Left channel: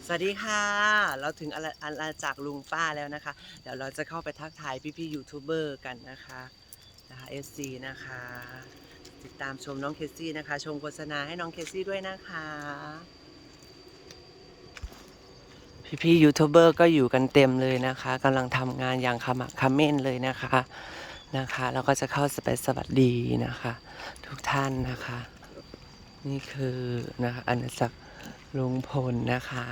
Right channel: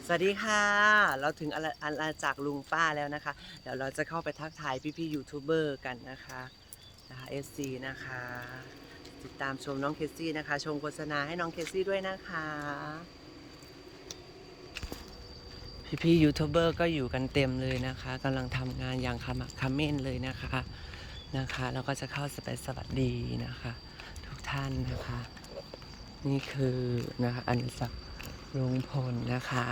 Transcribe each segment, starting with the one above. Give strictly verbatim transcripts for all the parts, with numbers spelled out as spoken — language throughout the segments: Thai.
สวัสดีค่ะเราถึงอาณาอาณาจักรลุงป้าแล้วนะคะเดี๋ยวเราจะเข้าไปทักทายพี่ๆยูทูบเบอร์กันนะคะนะคะ เอฟ ซี นะคะติดตามชมน้องเคซี่นะคะชมโฆษณาให้น้องเคซี่ด้วยนะคะพี่ๆยูทูบเบอร์ก็อยู่กันเต็มเลยนะคะกำลังทำงานอย่างขมักเขม้นเลยนะคะนะคะแล้วก็จะเข้าไปสวัสดีนะคะทุกท่านนะคะนี่คือนะคะอาณาจักรลุงพลนะคะ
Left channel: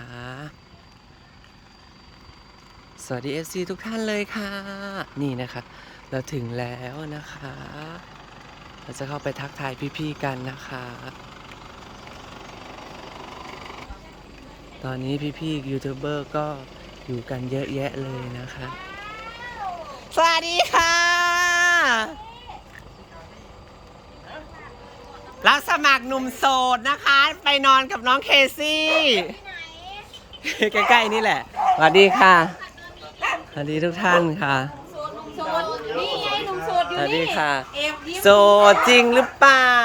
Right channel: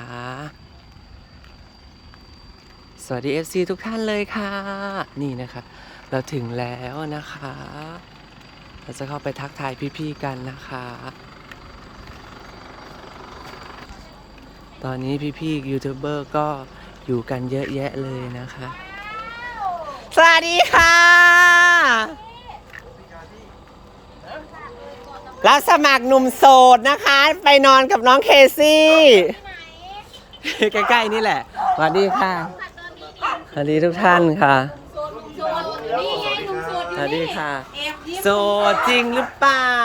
สวัสดี เอฟ ซี ทุกท่านเลยค่ะนี่นะคะเราถึงแล้วนะคะเราจะเข้าไปทักทายพี่ๆกันนะคะตอนนี้พี่ๆยูทูบเบอร์ก็อยู่กันเยอะแยะเลยนะคะสวัสดีค่ะรับสมัครหนุ่มโสดนะคะไปนอนกับน้องเคซี่ใกล้ๆนี่แหละสวัสดีค่ะสวัสดีทุกท่านค่ะสวัสดีค่ะโสดจริงหรือเปล่า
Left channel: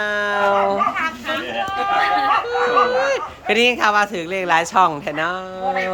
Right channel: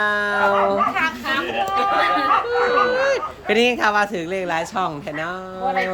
ก็นี่ค่ะมาถึงเลขหลายช่องแทนเนาะ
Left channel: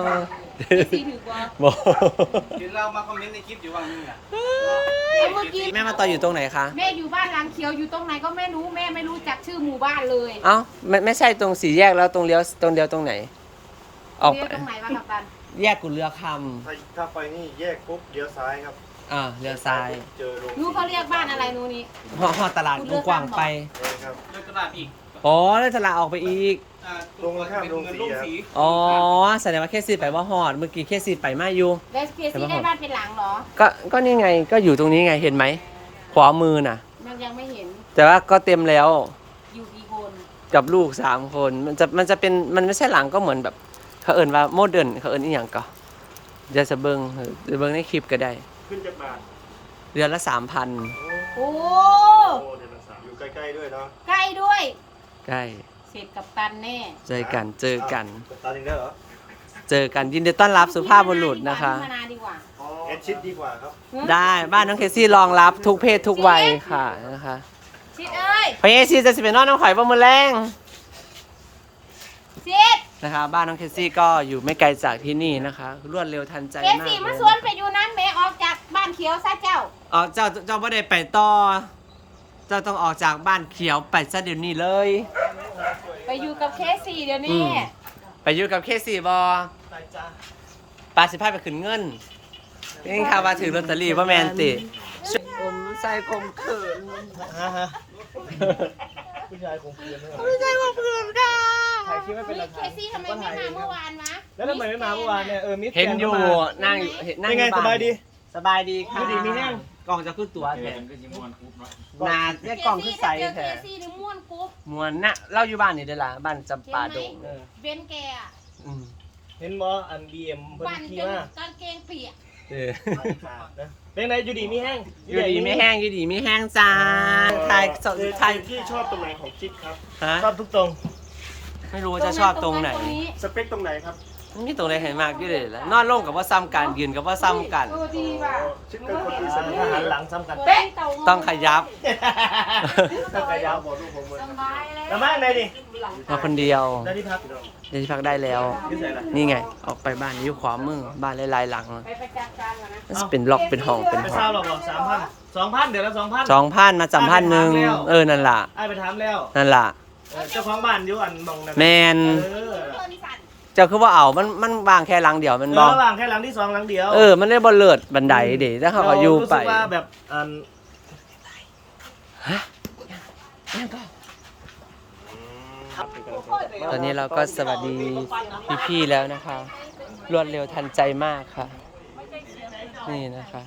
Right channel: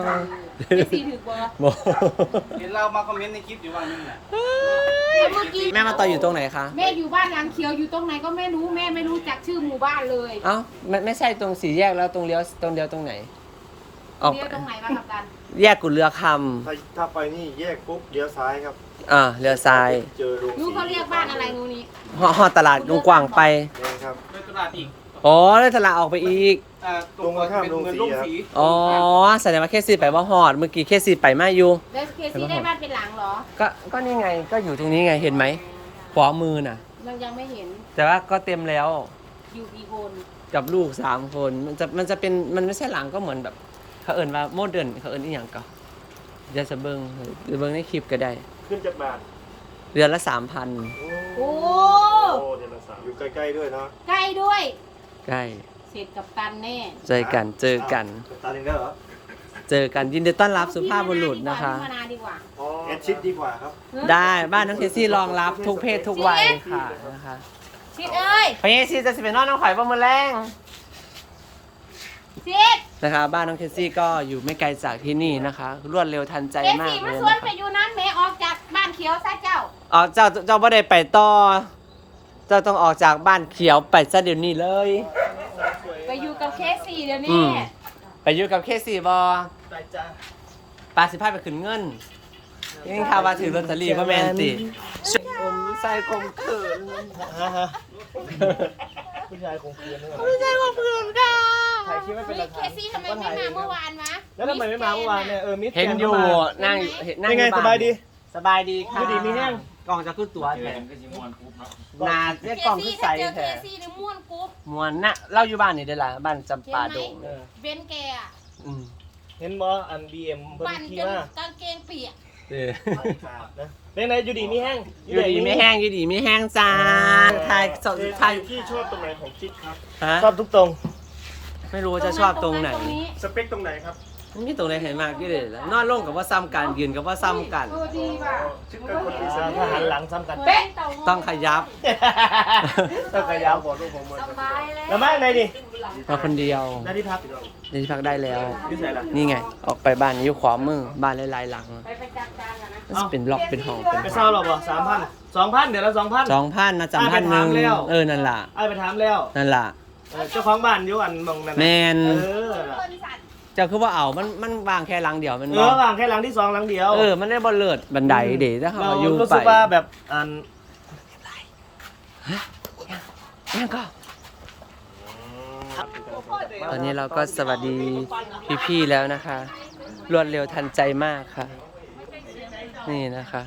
โบเดี๋ยวเรามาคอมเมนต์ในคลิปอยู่ว่านี่แหละแม่มาต่ออยู่ตรงไหนคะแม่อยู่บ้านหลังเขียวอยู่ตรงไหนก็ไม่รู้แม่ไม่รู้จักชื่อหมู่บ้านเลยเอ้าไม่ไม่ใช่ตรงสี่แยกแล้วตรงเลี้ยวตรงเดียวตรงไหนออกไปตรงไหนมาครับตันแยกกุเรือคำถ้าไปนี่แยกปุ๊บเลี้ยวซ้ายครับำอ่าเรือทรายเจอโรงนู้เขาเรียกบ้านอะไรนู้นี้ห่อห่อตลาดกว้างๆไปครับเดินตลาดอีกอ๋อเลยตลาดออกไปอีกตรงข้ามเป็นเงินลงสีอ๋อแสดงว่าเคซี่ไปว่าฮอดเมื่อกี้เคซี่ไปไม่อยู่แล้วเคซี่ได้บ้านเป็นหลังเหรอก็ก็นี่ไงก็อยู่ตรงนี้ไงเห็นไหมขวามือน่ะยังยังไม่เห็นแต่ว่าก็เต็มแล้วอยู่กี่คนกับลูกสามคนมันจะมันจะเป็นมันไม่ใช่หลังก็เหมือนแบบเขาเอิ้นว่าโมเดิร์นเขาเอิ้นอีหยังก็เดี๋ยวจะเบิ้งเดี๋ยวเบิ้งในคลิปก็ได้ขึ้นจากบาทเดือนละสามพันโอ้เดือนละสามอยู่ใกล้ๆด้วยเนาะใกล้ด้วยใกล้เสร็จกับตันแน่เจอกันเจอกันกับตันเด้อเจอกันยินดีต้อนรับสุภาพบุรุษนะคะเอ็ดชิดดีกว่าครับได้บ้านน้องเคซี่รองรับทุกเพศทุกวัยค่ะนะคะชิดเอ้ยพยาซีจะสิเป็นน้องน้องข่อยประมือแรงชิดนะคะบ้านน้องเคซี่ก็อยู่ไม่ไกลจากที่นี่นะคะรวดเร็วทันใจมากเลยนะคะไปอยู่นั้นแม่ออกจากบ้านเขียวซะเจ้าอ๋อเจ้าเจ้าไม่ได้ไปต่อเจ้าต้องออกจากบ้านเขียวไปซะเดี๋ยวนี้เลยไปอยู่กับเคซี่เดี๋ยวนี้ไปอยู่กับเคซี่บอไปจ้าปาสิพายไปขึ้นเงินนี่ค่ะมาถือลอตเตอรี่พ่อแมนติผมใส่กลมเขินฮะฮะผู้ชายคงเกลียนเลยผู้ชายคงเขินค่ะถ่ายคลิปไม่เป็นหลักฐานเคซี่ทำไมไม่มาเมื่อวานวะแล้วทำไมไม่มาเมื่อวานเนี่ยเออมิสเห็นอยู่นั่งอยู่นั่งยังไงสบายดีสบายดีค่ะดีมีแห้งกล่องจะขึ้นตัวแทนนาเนี่ยกล่องขึ้นใสแทนมวนน่ะเล่าอยู่บ้านนี่เด้อล่ะบ้านจำปาดงเบนแกอ่ะเห็นบออันบีเอ็มเพิ่นขี่มากางเกงเปียกเออเป็นไงอยู่ดีมีแห้งอยู่ดีไม่แห้งอยู่ดีไม่แห้งจ้าถ่ายสดถ่ายพี่ชอบตรงไหนของคิดครับชอบทุกตรงไม่รู้จะชอบตรงไหนสเปคตรงไหนครับมันมีตรงไหนเห็นมากที่เลยแล้วนอนลงกับว่าซ้ำกันยืนกับว่าซ้ำกันถ้าหันหลังซ้ำกันเป๊ะต้องขยับต้องขยับบอกลูกผมแล้วแม่ไหนดิมาคนเดียวได้ที่พักได้ที่พักได้แล้วนี่ไงออกไปบ้านนี้อยู่ขวามือบ้านหลายๆหลังเป็นล็อกเป็นห้องเป็นไปเช่าหรอบ่สามพันสองพันเดี๋ยวละสองพันสองพันมาจำพันหนึ่งเออนั่นล่ะไอ้ไปถามแล้วนั่นล่ะเจ้าของบ้านอยู่อันมองนั่นแมนเจ้าคือว่าเอามันมันวางแค่หลังเดียวมันเออวางแค่หลังที่สองหลังเดียวเออมันได้บนเลิศบันไดเดี๋ยวถ้าเขาอยู่ไปรู้สึกว่าแบบอันฮะยังก็ตอนนี้เราก็สวัสดีพี่ๆแล้วนะคะรวดเร็วทันใจมากค่ะนี่นะคะ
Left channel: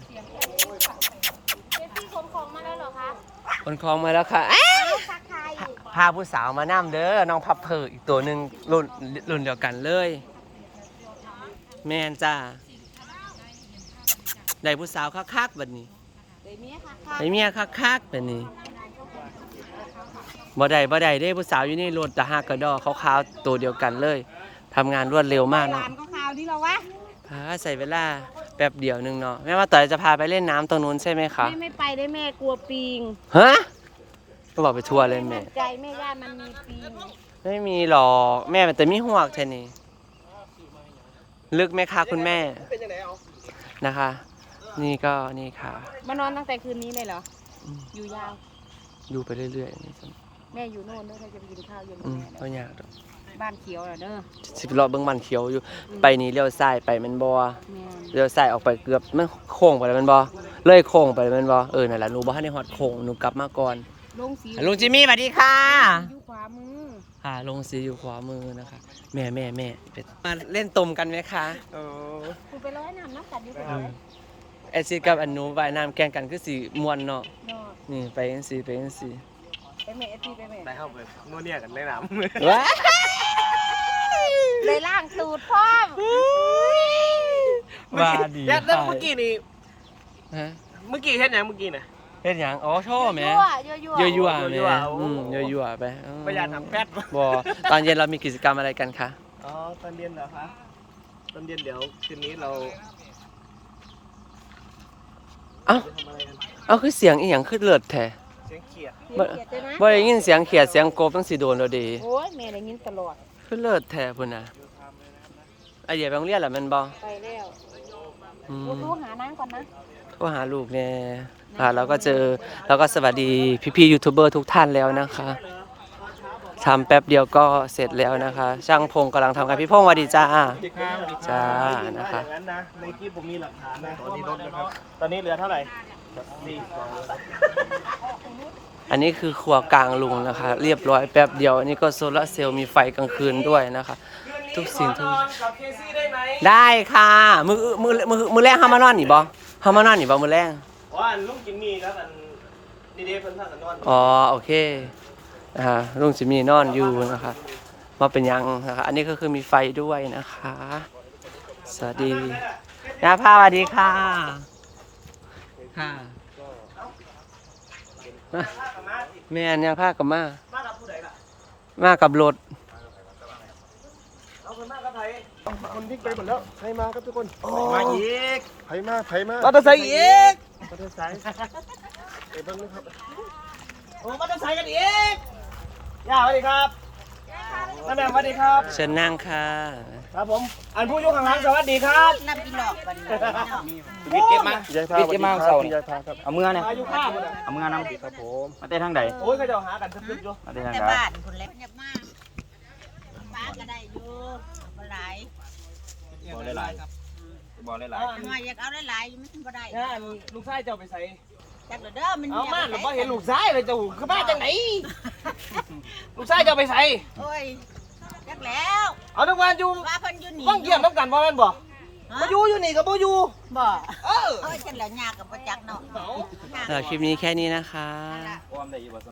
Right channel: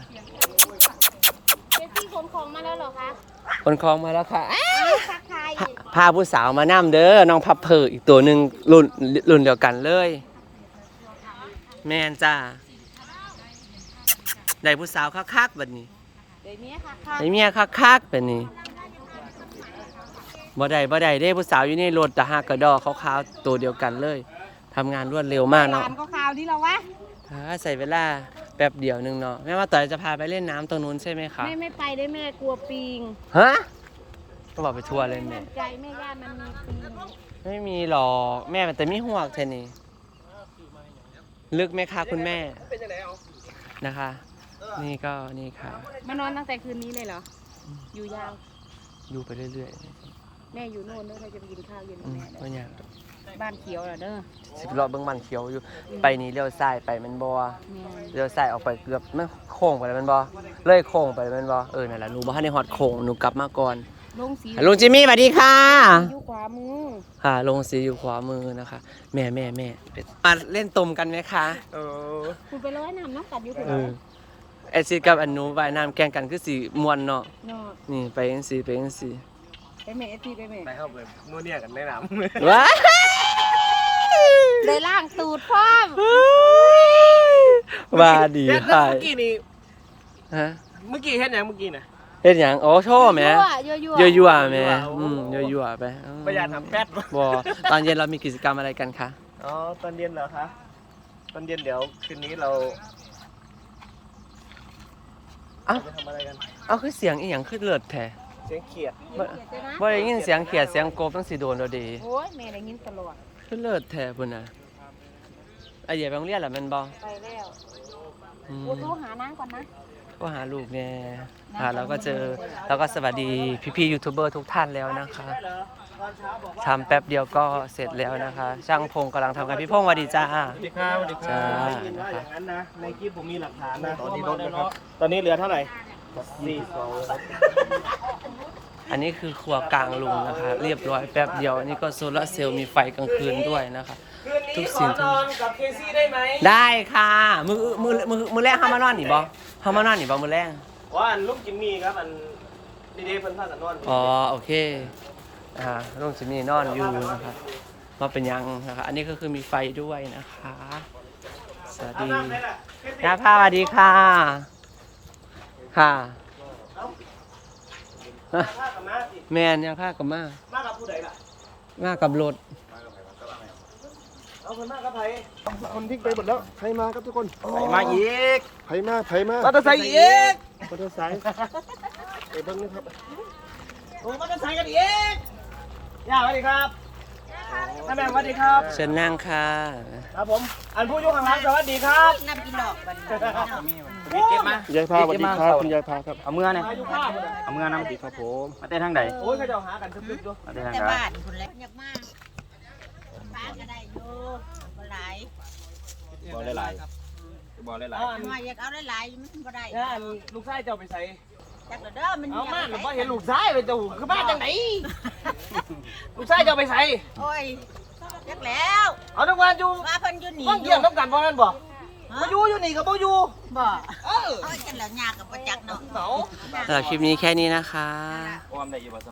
คนคลองมาแล้วค่ะพาผู้สาวมานั่มเด้อน้องพับเพออีกตัวหนึ่งรุ่นรุ่นเดียวกันเลยแม่นจ้าได้ผู้สาวคักๆแบบนี้ได้เมียคักๆแบบนี้บ่ได้บ่ได้ได้ผู้สาวอยู่ในรถแต่หากระดอขาวๆตัวเดียวกันเลยทำงานรวดเร็วมากเนาะขาวดีแล้ววะใส่เวลาแป๊บเดียวนึงเนาะแม่ว่าต่อยจะพาไปเล่นน้ำตรงนู้นใช่ไหมคะไม่ไม่ไปได้แม่กลัวปิงฮะก็บอกไปทัวร์เลยแม่ใจไม่ว่ามันมีปิงไม่มีหรอกแม่แต่มีหวกแทนนี่ลึกไหมคะคุณแม่เป็นยังไงเอานะคะ นี่ก็นี่ค่ะมานอนตั้งแต่คืนนี้เลยเหรออืมอยู่ยาวดูไปเรื่อยแม่อยู่โน่นนึกว่าจะไปกินข้าวเย็นๆอืมแม่ก็ยากดอกบ้านเขียวเหรอเด้อสิบรอบเบิ่งมันเขียวอยู่ ไปนี่เลี้ยวซ้ายไปแมันบ่แม่เลี้ยวซ้ายออกไปเกือบมันโค้งไปแล้วแมันบ่เลยโค้งไปแมันบ่เออนั่นแหละหนูบ่ทันได้ฮอดโค้งหนูกลับมาก่อนลงสีลุงจิมมี่สวัสดีค่ะอยู่ขวามือค่ะลงสีอยู่ขวามือนะคะ แม่แม่แม่เป็นมาเล่นตมกันไหมคะเออคุณไปร้อยน้ำน้ำกัดอยู่เออไอซีกับอันหนูว่ายน้ำแข่งกันคือสีมวนเนาะเนาะนี่ไปจังสีไปจังสีไปแม่ไอทีไปแม่ไปเข้าไปนัวเนี่ยกันในน้ว้าเลยล่างตูดคว้างว่าดีำค่ะเมื่อกี้นี่ฮะเมื่อกี้เห็นยังเมื่อกี้น่ะเฮ็ดหยังโอ้โชว์แหม่ยั่วยั่วๆแหม่ยั่วๆอืมโอ้ยั่วๆไปอืมประหยัดทำแป๊ดบ่ตอนเย็นเรามีกิจกรรมอะไรกันคะอ๋อตอนเย็นเหรอคะตอนเย็นเดี๋ยวคืนนี้เราเอ้าจะทำอะไรกันเอาคือเสียงอีหยังคือเลิศแท้เสียงเขียดบ่บ่ได้ยินเสียงเขียดเสียงกบตั้งสิโดนแล้วดีโอ้ยแม่ได้ยินตลอดคือเลิศแท้พุ่นน่ะไอเดียไปโรงเรียนล่ะแม่นบ่ไปแล้วอืลูมกหานางก่อนนะก็หาลูกแน่อ่าเราก็เจอเราก็สวัสดีพี่ๆยูทูบเบอร์ทุกท่านแล้วนะคะทำแป๊บเดียวก็เสร็จแล้วนะคะ ช่างพงกำลังทำกันพี่พงสวัสดีจ้าสวัสดีครับสวัสดีครัจ้าบนะคะอย่างนั้นนะในคลิปผมมีหลักฐานนะตอนนี้ลดนะครับตอนนี้เหลือเท่าไหร่สี่อันนี้คือครัวกลางลุงนะคะ เรียบร้อยแป๊บเดียวอันนี้ก็โซลาร์เซลล์มีไฟกลางคืนด้วยนะคะ ทุกสิ่งทุกกับเคซี่ได้ไหมได้ค่ะมือมือมือมือแรงห้ามมานอนหนิบ่ห้ามมานอนหนิบ่มือแรงว่าอันลุงจิมมี่ครับอันนี่เด้เพิ่นพากันนอนอ๋อโอเคนะคะลุงจิมมี่นอนอยู่นะคะว่าเป็นยังนะคะอันนี้ก็คือมีไฟด้วยนะคะ สวัสดีน้าพาสวัสดีค่ะ ค่ะฮะแม่เนี่ยพากับมามากับผู้ใดล่ะมากับรถเอาคนมากับไผทำทิ้งไปหมดแล้วไผมาครับทุกคนไผมาอีกไผมาไผมามาตะไซค์อีกมอเตอร์ไซค์ไปเบ้างนะครับโอ้มาตะไซค์กันอีกย่าสวัสดีครับท่านแม่สวัสดีครับเชิญนั่งค่ะครับผมอันผู้อยู่ข้างหลังสวัสดีครับน้ำกินหลอกกันวิทย์เก็บมาคุณยายพาสวัสดีครับคุณยายพาครับเอาเมื่อเนี่ยมาอยู่ข้างเอาเมื่อน้ำครับผมมาเต้นทางใดโอ้ยเขาจะหากันสักทีอยู่มาเต้นทางแต่ใดบ้านคนเล็กอยากมากป้าก็ได้อยู่บ่หลายบอลหลายๆบอลหลายมาอยากเอาหลายๆมันบ่ได้เนี่ยอันลูกชายเจ้าไปใส่จักเด้อมันเอามาหรือว่าเห็นลูกชายเลยเจ้าคือมาจากไหนลูกชายเจ้าไปใส่โอ้ยจักแล้วเอาทุกวันอยู่ว่าเพิ่นอยู่นี่ต้องเกี่ยวต้องกันบ่แม่นบ่มาอยู่อยู่นี่กับบ่อยู่บ่เออเอ้ยจังแล้วยากกับบ่จักเนาะเอาสำหรับคลิปนี้แค่นี้นะคะๆความได้อีกบ่